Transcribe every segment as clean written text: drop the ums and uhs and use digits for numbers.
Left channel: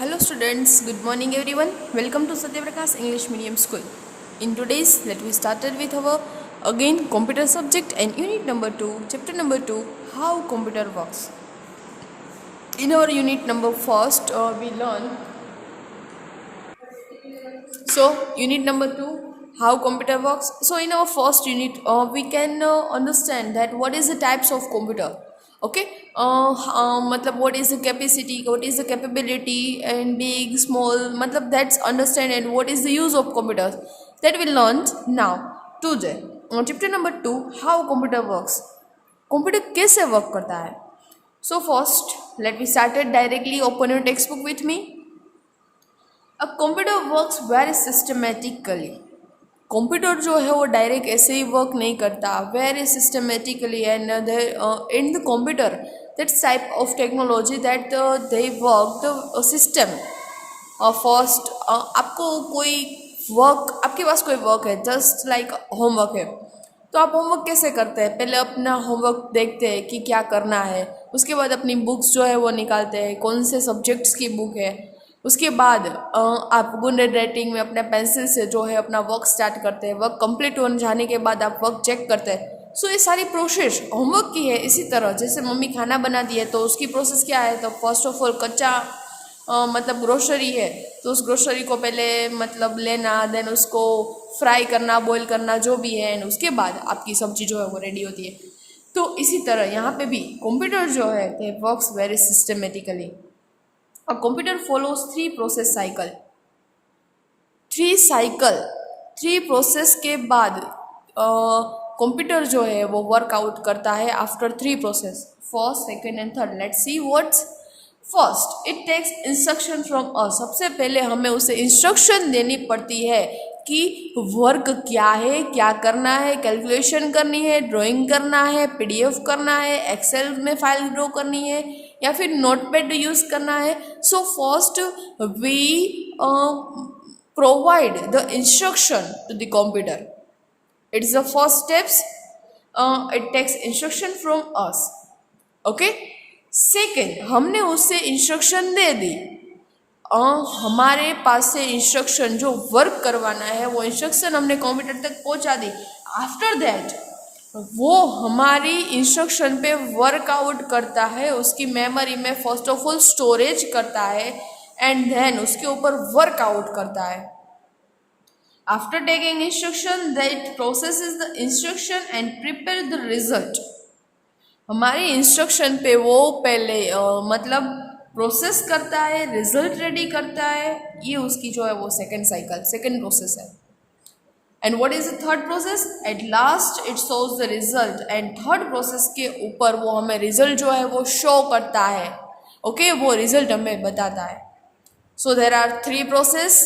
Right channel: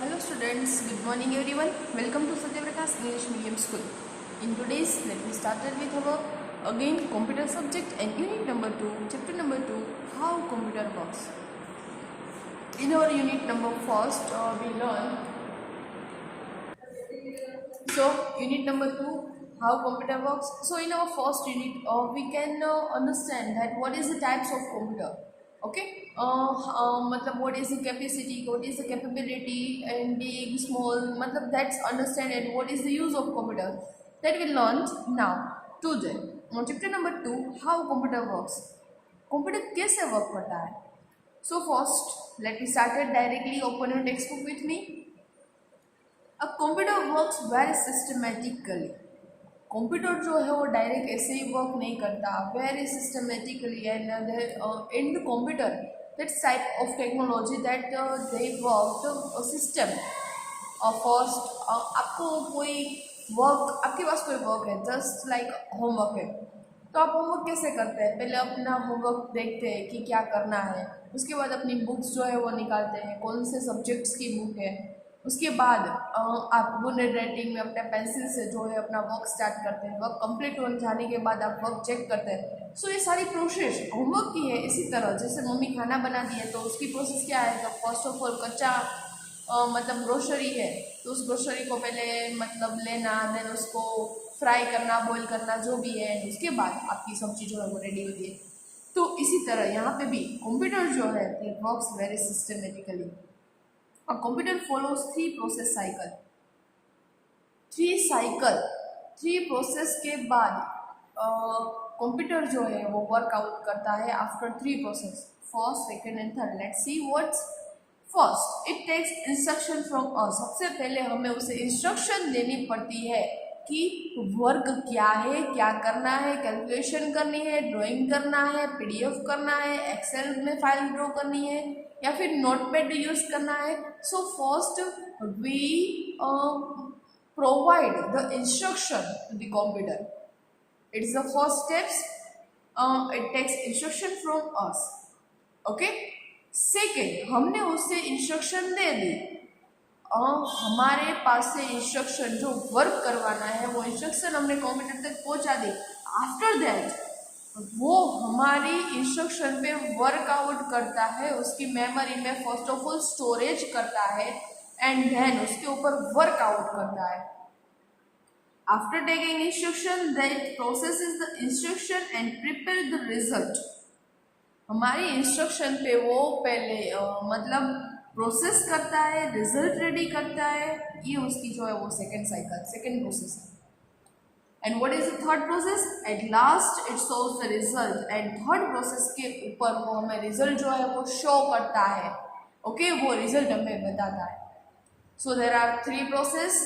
Hello students, good morning everyone. Welcome to Satyaprakash English Medium School. In today's, let me started with our again computer subject and unit number 2, chapter number 2, how computer works. In our unit number first, we learn unit number 2, how computer works. So in our first unit, we can understand that what is the types of computer. Okay, matlab what is the capacity, what is the capability, and big, small. Matlab that's understand and what is the use of computers. That we learned now today. Chapter number 2, how computer works. Computer कैसे work करता है. So first let me started directly open your text book with me. A computer works very systematically. Computer जो है वो direct ऐसे ही work नहीं करता, very systematically. And in the computer that's type of technology that they work the system. First आपको कोई work, आपके पास कोई वर्क है, जस्ट लाइक होमवर्क है, तो आप होमवर्क कैसे करते हैं? पहले अपना होमवर्क देखते हैं कि क्या करना है, उसके बाद अपनी बुक्स जो है वो निकालते हैं, कौन से सब्जेक्ट्स की बुक है. उसके बाद आप बुलेट राइटिंग में अपने पेंसिल से जो है अपना वर्क स्टार्ट करते हैं. वर्क कंप्लीट हो जाने के बाद आप वर्क चेक करते हैं. सो ये सारी प्रोसेस होमवर्क की है. इसी तरह जैसे मम्मी खाना बना दी है तो उसकी प्रोसेस क्या है, तो फर्स्ट ऑफ ऑल कच्चा मतलब ग्रोसरी है तो उस ग्रोसरी को पहले मतलब लेना, देन उसको फ्राई करना, बॉईल करना, जो भी है, एंड उसके बाद आपकी सब्जी जो है वो रेडी होती है. तो इसी तरह यहाँ पे भी कंप्यूटर जो है they works very systematically. A computer follows three process cycle. Three process के बाद कंप्यूटर जो है वो वर्कआउट करता है after three process, first, second and third. Let's see what's first. It takes instruction from us. सबसे पहले हमें उसे इंस्ट्रक्शन देनी पड़ती है कि वर्क क्या है, क्या करना है, कैलकुलेशन करनी है, ड्राइंग करना है, पीडीएफ करना है, एक्सेल में फाइल ड्रॉ करनी है, या फिर नोटपैड यूज़ करना है. So first we provide the instruction to the computer. It is the first steps. It takes instruction from us. Okay. Second, हमने उससे इंस्ट्रक्शन दे दी. हमारे पास से इंस्ट्रक्शन जो वर्क करवाना है वो इंस्ट्रक्शन हमने कंप्यूटर तक पहुंचा दी. आफ्टर दैट वो हमारी इंस्ट्रक्शन पे वर्कआउट करता है, उसकी मेमोरी में फर्स्ट ऑफ ऑल स्टोरेज करता है एंड देन उसके ऊपर वर्कआउट करता है. After taking instruction that processes the instruction and prepare the result. हमारी इंस्ट्रक्शन पे वो पहले मतलब प्रोसेस करता है, रिजल्ट रेडी करता है. ये उसकी जो है वो सेकेंड साइकिल, सेकेंड प्रोसेस है. And what is the third process? At last it shows the result. And third process के ऊपर वो हमें रिजल्ट जो है वो शो करता है. ओके, वो रिजल्ट हमें बताता है. So there are three process.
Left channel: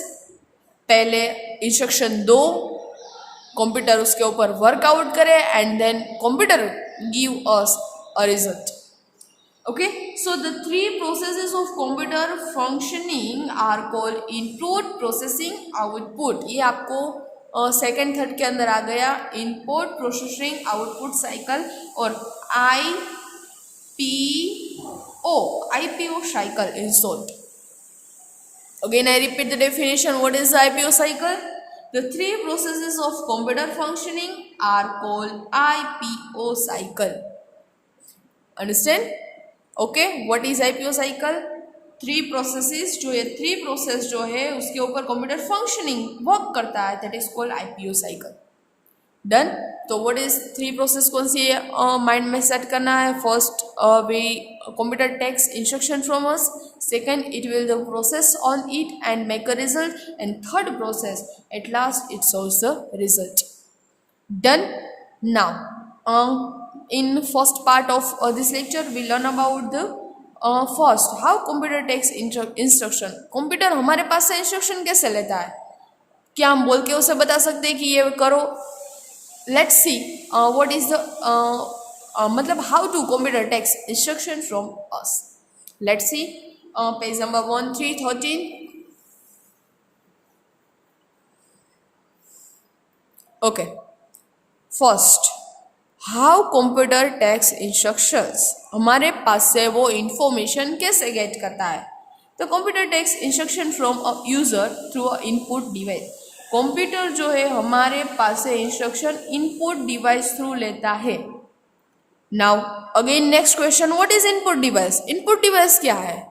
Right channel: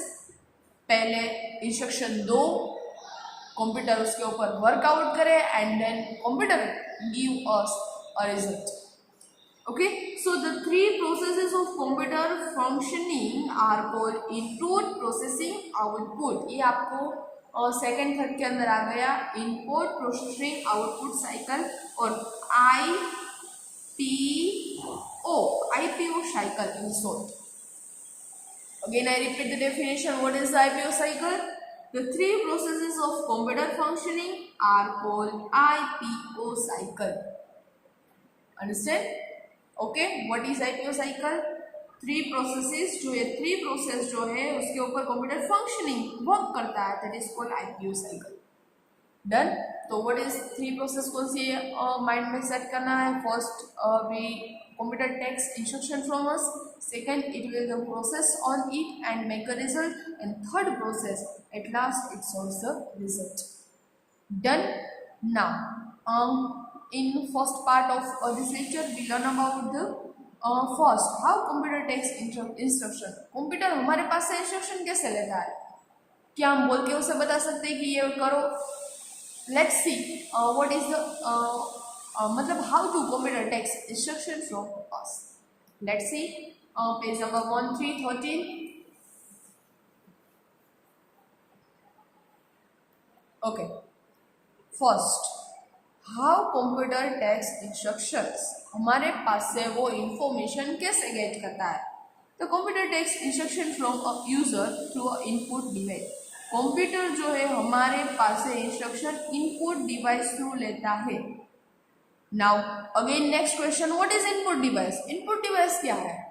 पहले इंस्ट्रक्शन दो, कंप्यूटर उसके ऊपर वर्कआउट करे and then computer give us a result. Okay, so the three processes of computer functioning are called input, processing, output. ये आपको सेकेंड थर्ड के अंदर आ गया. इनपुट, प्रोसेसिंग, आउटपुट साइकिल और IPO cycle in short. Again I repeat the definition. What is the IPO cycle? The three processes of computer functioning are called IPO cycle. Understand? Okay, what is IPO cycle? Three processes जो है, three process जो है उसके ऊपर computer functioning work करता है, that is called IPO cycle. Done. तो what is three process, कौन सी माइंड में सेट करना है? First we computer takes instruction from us. Second, it will the process on it and make a result. And third process at last it shows the result. Done. Now in first part of this lecture we learn about the first how computer takes instruction. Computer हमारे पास से instruction कैसे लेता है? क्या हम बोल के उसे बता सकते हैं कि ये करो? Let's see what is the मतलब how to computer takes instruction from us. Let's see page number 1313. Okay, first how computer takes instructions. हमारे पास से वो इंफॉर्मेशन कैसे गेट करता है? तो computer takes instruction from a user through a input device. Computer जो है हमारे पास से इंस्ट्रक्शन इनपुट डिवाइस थ्रू लेता है। Now again next question, what is input device? Input device क्या है?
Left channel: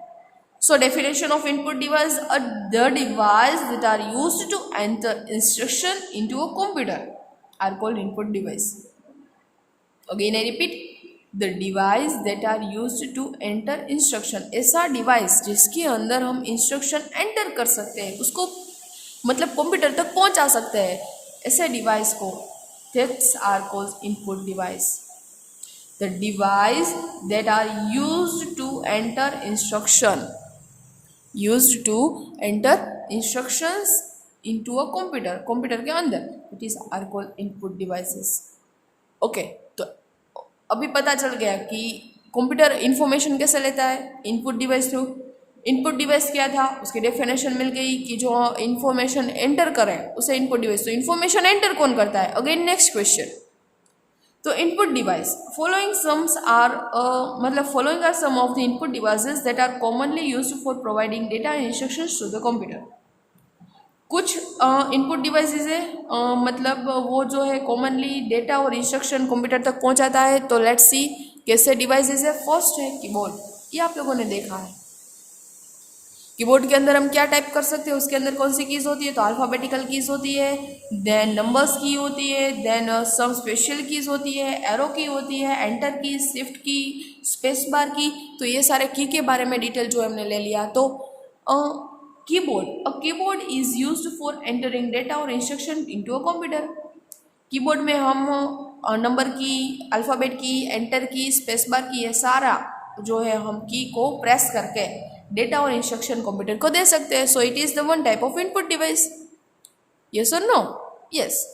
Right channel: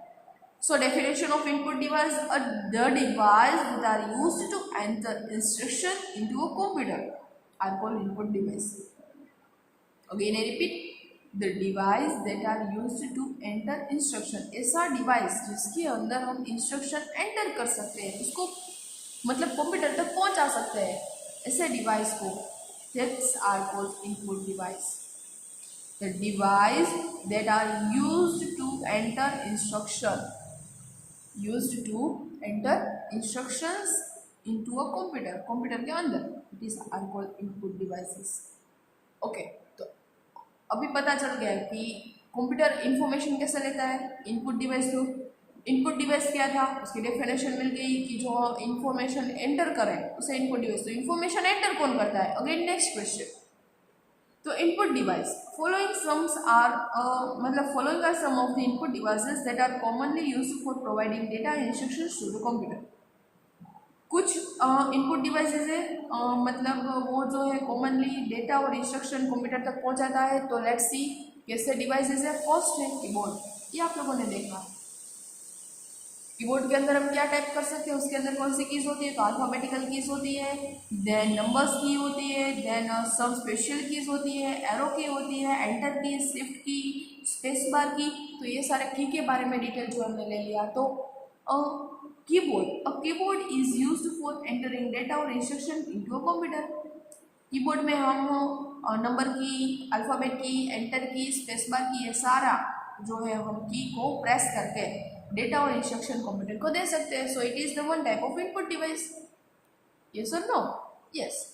So definition of input device are the device that are used to enter instruction into a computer are called input device. Again I repeat, the device that are used to enter instruction, ऐसा device जिसके अंदर हम instruction enter कर सकते हैं, उसको मतलब computer तक पहुंचा सकते हैं, ऐसे डिवाइस को that's are called input device. The device that are used to enter instruction, used to enter instructions into a computer, computer के अंदर, it is are called input devices. Okay, तो अभी पता चल गया कि कंप्यूटर इंफॉर्मेशन कैसे लेता है, input device through. Input device क्या था, उसकी डेफिनेशन मिल गई कि जो इंफॉर्मेशन एंटर करे उसे इनपुट डिवाइस। तो इंफॉर्मेशन एंटर कौन करता है? अगेन नेक्स्ट क्वेश्चन, तो input device following sums are मतलब following are some of the input devices that are commonly used for providing data and instructions to the computer. कुछ input devices है मतलब वो जो है कॉमनली डेटा और instruction computer तक पहुंचाता है। तो लेट्स सी कैसे डिवाइसेस है। फर्स्ट है कीबोर्ड, ये आप लोगों ने देखा है। कीबोर्ड के अंदर हम क्या टाइप कर सकते हैं, उसके अंदर कौन सी कीज होती है? तो अल्फ़ाबेटिकल कीज होती है, देन नंबर्स की होती है, देन सम स्पेशल कीज होती है, एरो की होती है, एंटर की, शिफ्ट की, स्पेस बार की। तो ये सारे की के बारे में डिटेल जो हमने ले लिया। तो keyboard, a keyboard is used for entering data और instruction into a computer. Keyboard में हम नंबर की, अल्फ़ाबेट की, एंटर की, स्पेस बार की, ये सारा जो है हम की को प्रेस करके डेटा और इंस्ट्रक्शन कंप्यूटर को दे सकते हैं। So it is the one type of input device. Yes और no? Yes.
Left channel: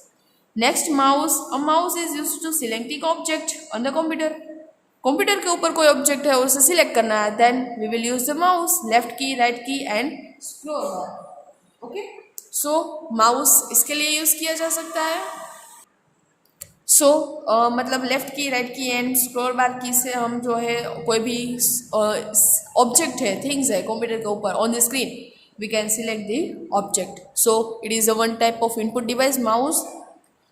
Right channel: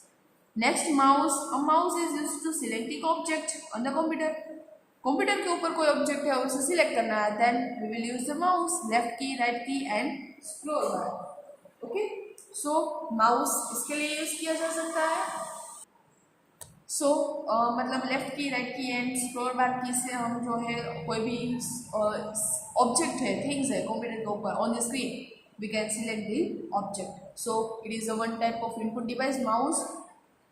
Next mouse, a mouse is used to selecting object on the computer. Computer के ऊपर कोई ऑब्जेक्ट है उसे सिलेक्ट करना है, then we will use the mouse, left key, right key and scroll bar. Okay, so mouse इसके लिए use किया जा सकता है। सो मतलब left key, right key and scroll बार की से हम जो है कोई भी ऑब्जेक्ट है, थिंग्स है कंप्यूटर के ऊपर on the screen, we can select the object. So it is a one type of input device, mouse.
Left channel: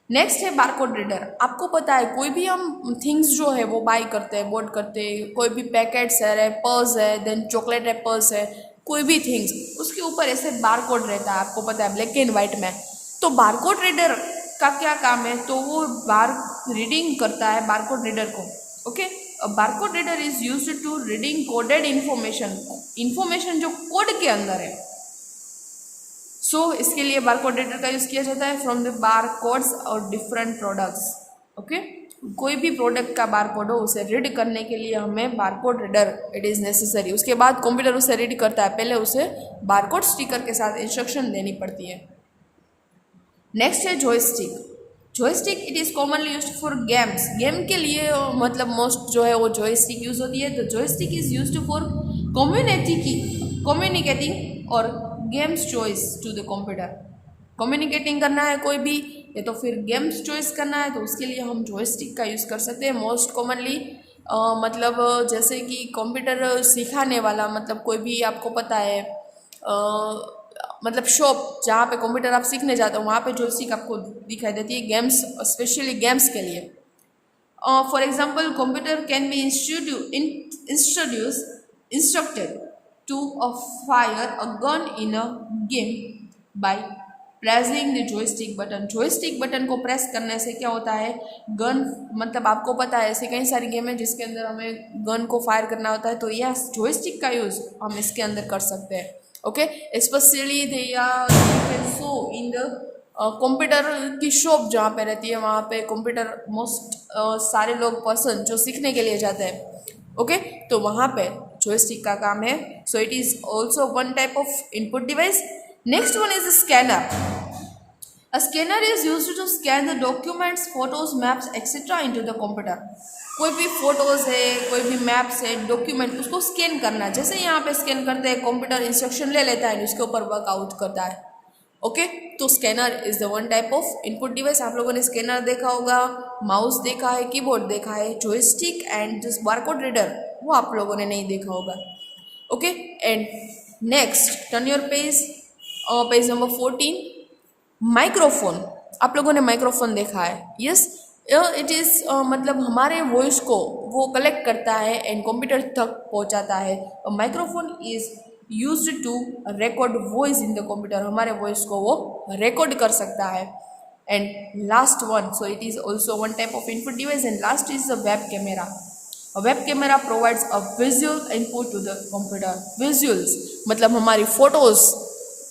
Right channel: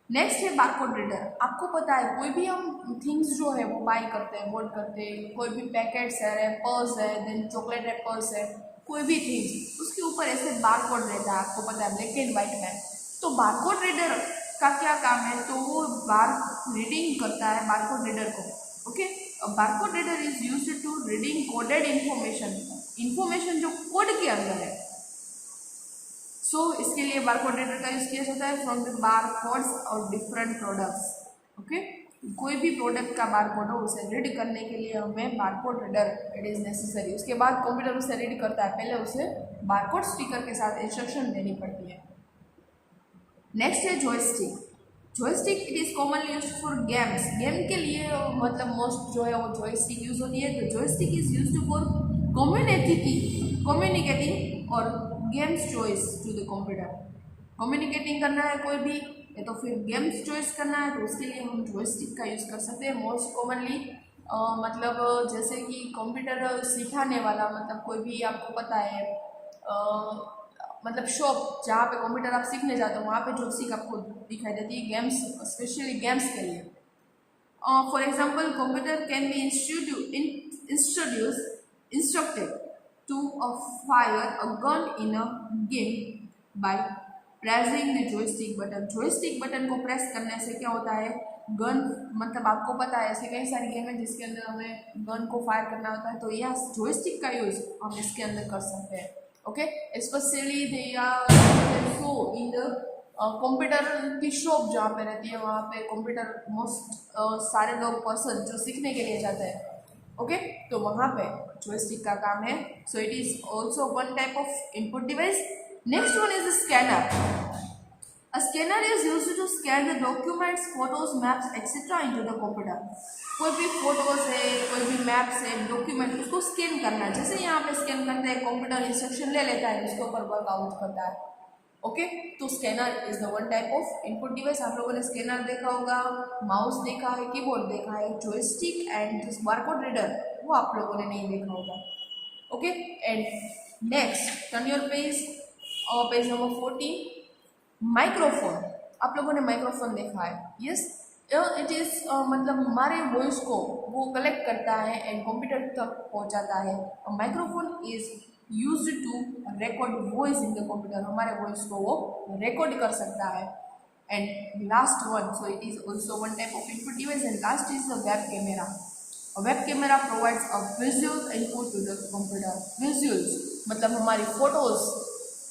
Next है बारकोड रीडर। आपको पता है कोई भी हम थिंग्स जो है वो बाय करते हैं, बोर्ड करते हैं, कोई भी पैकेट्स है, रैपर्स है, देन चॉकलेट रैपर्स है, कोई भी थिंग्स, उसके ऊपर ऐसे बारकोड रहता है, आपको पता है, ब्लैक एंड वाइट में। तो बारकोड रीडर का क्या काम है? तो वो रीडिंग करता है बारकोड रीडर को। Okay, barcode reader is used to reading coded information जो कोड के अंदर है। सो इसके लिए बारकोड रीडर का यूज़ किया जाता है फ्रॉम द बार कोड्स और डिफरेंट प्रोडक्ट्स। ओके, कोई भी प्रोडक्ट का बार कोड हो उसे रीड करने के लिए हमें barcode reader it is necessary. उसके बाद कंप्यूटर उसे रीड करता है, पहले उसे बारकोड स्टिकर के साथ इंस्ट्रक्शन देनी पड़ती है। नेक्स्ट है joystick. Joystick it is commonly used for games. Game के लिए मतलब मोस्ट जो है वो जॉयस्टिक यूज़ होती है। तो joystick is used for communicating और games choice to the computer. Communicating करना है कोई भी, या तो फिर गेम्स चॉइस करना है, तो उसके लिए हम जॉयस्टिक का यूज़ कर सकते हैं। मोस्ट कॉमनली मतलब जैसे कि कंप्यूटर सिखाने वाला, मतलब कोई भी आपको पता है मतलब शॉप जहाँ पे कंप्यूटर आप सीखने जाते हो वहाँ पे जॉयस्टिक आपको दिखाई देती है गेम्स, स्पेशली गेम्स के लिए। For example computer can be instructed to fire a gun in a game by pressing the joystick button। joystick button को प्रेस करने से क्या होता है, गन मतलब आपको पता है ऐसे कई सारी गेम है जिसके अंदर हमें गन को फायर करना होता है, तो यह joystick का यूज़ हम इसके अंदर कर सकते हैं। Okay, specially they so in the computer की शॉप जहाँ पे रहती है, वहाँ पे कंप्यूटर मोस्ट सारे लोग पर्सन जो सीखने के लिए जाते हैं, ओके, तो वहाँ पे जॉयस्टिक का काम है। So it is also one type of input device. Next one is scanner. A scanner is used to scan the documents, photos, maps etcetera into the computer. कोई भी फोटोज है, कोई भी मैप्स है, डॉक्यूमेंट, उसको स्कैन करना। जैसे यहाँ पे स्कैन करते हैं, कंप्यूटर इंस्ट्रक्शन ले लेता है, उसके ऊपर वर्कआउट करता है। ओके, तो scanner is the one type of input device. आप लोगों ने स्कैनर देखा होगा, माउस देखा है, कीबोर्ड देखा है, joystick and this barcode reader वो आप लोगों ने नहीं देखा होगा। Okay, and next turn your page, page number 14, microphone. आप लोगों ने माइक्रोफोन देखा है, यस। इट इज़ मतलब हमारे वॉइस को वो कलेक्ट करता है एंड कंप्यूटर तक पहुंचाता है। Microphone is used to record voice in the computer, हमारे वॉइस को वो रिकॉर्ड कर सकता है। And last one, so it is also one type of input device, and last is the web camera. A web camera provides a visual input to the computer. Visuals मतलब हमारी photos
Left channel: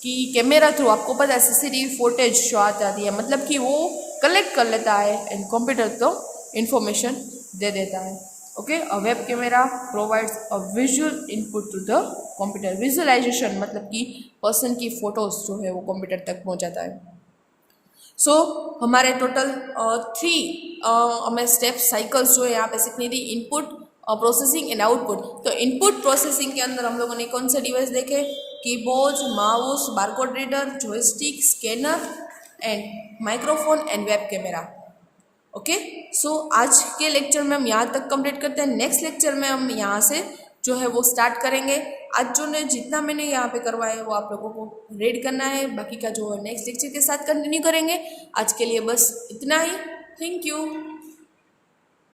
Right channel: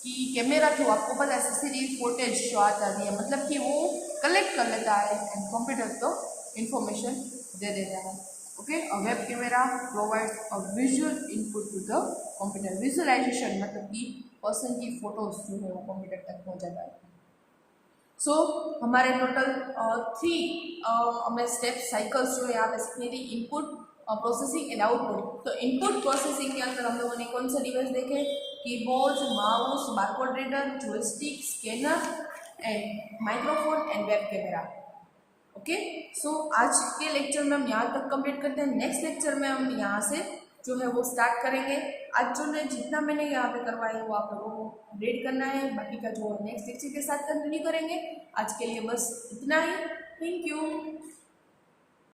की camera through, आपको पता है CCTV footage show आ जाती है, मतलब कि वो कलेक्ट कर लेता है एंड कंप्यूटर तो इंफॉर्मेशन दे देता है। Okay, a web camera provides a visual input to the computer. Visualisation मतलब कि पर्सन की फोटोज जो है वो कंप्यूटर तक पहुंचाता है। हमारे टोटल 3 हमें स्टेप साइकिल्स जो है यहाँ पे सीखनी थी, इनपुट, प्रोसेसिंग एंड आउटपुट। तो इनपुट प्रोसेसिंग के अंदर हम लोगों ने कौन से डिवाइस देखे, keyboard, mouse, barcode reader, joystick, scanner and microphone and web camera. Okay, आज के लेक्चर में हम यहाँ तक कंप्लीट करते हैं। नेक्स्ट लेक्चर में हम यहाँ से जो है वो स्टार्ट करेंगे। आज जो ने जितना मैंने यहाँ पे करवाया है वो आप लोगों को रीड करना है, बाकी का जो नेक्स्ट लेक्चर के साथ कंटिन्यू करेंगे। आज के लिए बस इतना ही। Thank you.